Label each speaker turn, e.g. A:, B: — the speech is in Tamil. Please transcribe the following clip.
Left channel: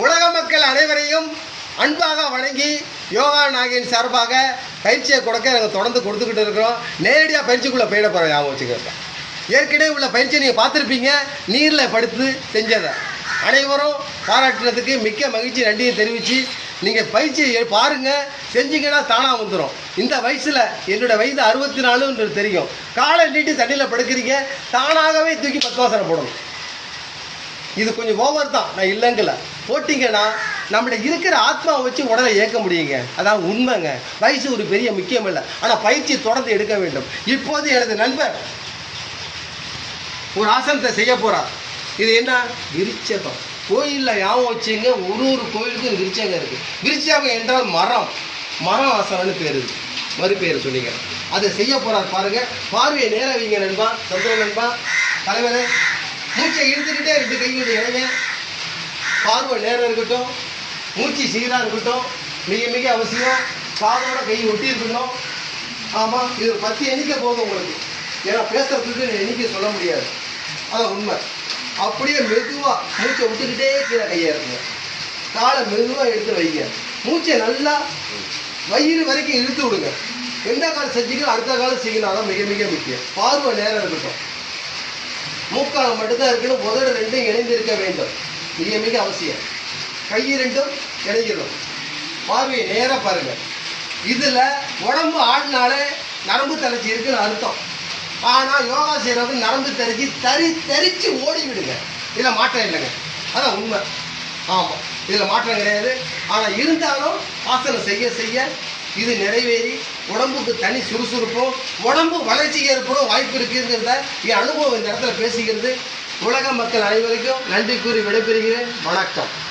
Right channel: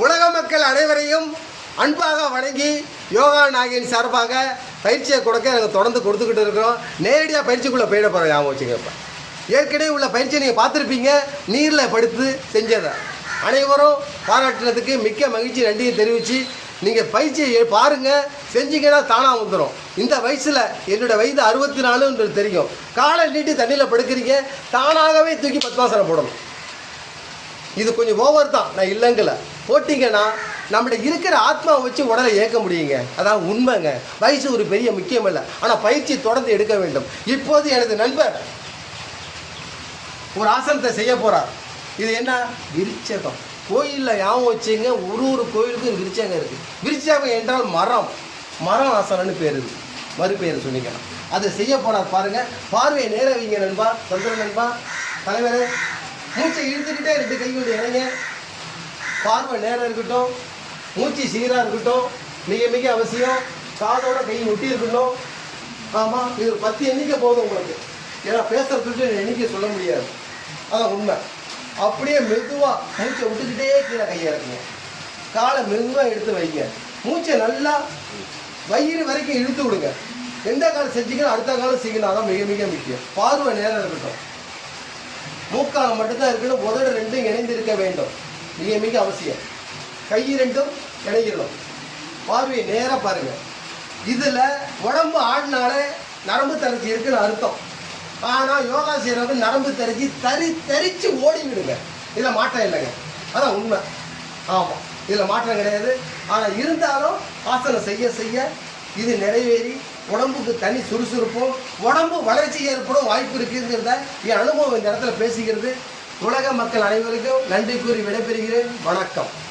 A: உலக மக்கள் அனைவரையும் அன்பாக வணங்கி யோகா நாகின் சார்பாக பயிற்சியை கொடுக்க நாங்கள் தொடர்ந்து கொடுத்துக்கிட்டு இருக்கிறோம். நேரடியாக பயிற்சிக்குள்ளே போயிட போகிறோம் ஞாபகம் வச்சுக்கப்ப ஏற்கனவே உள்ள பயிற்சியை நீங்கள் பார்த்துருப்பீங்க. நீரில் படுத்து செஞ்சதை. அனைவரும் பாராட்டுறதுக்கு மிக்க மகிழ்ச்சி நன்றியை தெரிவித்து நீங்கள் பயிற்சியை பாருங்கள் செஞ்சீங்கன்னா தானாக வந்துடும் இந்த வயசில் என்னோடய வயது அறுபத்தி நாலுன்றது தெரியும். காலை நீட்டி தண்ணியில் படுக்கிறீங்க. தானாகவே தூக்கி பத்மாசனம் போடணும். இது கொஞ்சம் ஓவர் தான். நான் இல்லைங்கல. போட்டிங்கன்னா நம்மளை இருக்கிற ஆத்மாவை வச்சு உடலை இயக்க முடியுங்க. அதான் உண்மைங்க. வயசு ஒரு பெரிய முக்கியம் இல்லை. ஆனால் பயிற்சி தொடர்ந்து எடுக்க வேண்டும். இப்போது எனது நண்பர் ஒரு ஆசனத்தை செய்ய போகிறார் இது என்ன? விருச்சகம் கோயிலில் ஞாபகம் வச்சுங்க ஒரு ஒரு கோயிலுக்கும் இது விருச்சகம் இருக்குது விருச்சகம் என்றால் மரம். மரம் ஆசனம்னு பேர் இது. மறுபெயர் சொல்லிக்கலாம் அதை செய்ய போகிறார் பாருங்கள் பார்வையை நேர வைங்க நண்பா. சந்திர நண்பா. தலைவரே. மூச்சை இழுத்துக்கிட்டே ரெண்டு கையோட இணைங்க பார்வை நேரம் இருக்கட்டும் மூச்சு சீராக இருக்கட்டும் மிக மிக அவசியம். காதோட கை ஒட்டி இருக்கணும். ஆமாம் இது ஒரு பத்து எண்ணிக்கை போதும் உங்களுக்கு. ஏன்னா பேசுறதுக்கு எண்ணிக்கை சொல்ல முடியாது. அதான் உண்மை. அப்படியே மெதுவாக மூச்சை விட்டுக்கிட்டே கீழே கையாக இருக்குங்க காலை மெதுவாக எடுத்து வைங்க. மூச்சை நல்லா வயிறு வரைக்கும் இழுத்து விடுங்க. எந்த காலம் செஞ்சீங்கன்னா அடுத்த காலம் செய்யணும் அதான் மிக மிக முக்கியம். பார்வை நேரம் இருக்கட்டும். மூக்காக மட்டும்தான் இருக்கணும் உதடு ரெண்டும் இணைந்திருக்க வேண்டும். மிக மிக அவசியம். கை ரெண்டும் இணைக்கணும் பார்வையை நேராக பாருங்கள் இதில் உடம்பு ஆடினாலே நரம்பு தளர்ச்சி இருக்குன்னு அர்த்தம். ஆனால் யோகா செய்கிறவங்க நரம்பு தரிச்சு தறி தரிச்சு ஓடி விடுங்க இதில் மாற்றம் இல்லைங்க. அதான் உண்மை. ஆமாம் இதில் மாற்றம் கிடையாது. ஆனால் இருந்தாலும் ஆசனம் செய்ய செய்ய இது நிறைவேறி உடம்புக்கு தனி சுறுசுறுப்பும் உடம்பு வளர்ச்சி ஏற்படும் வாய்ப்பு இருக்குங்கிறத என் அனுபவம் இந்த இடத்துல பேசுகிறது. உலக மக்கள் அனைவருக்கும் நன்றி கூறி விடைபெறுகிறேன். வணக்கம்.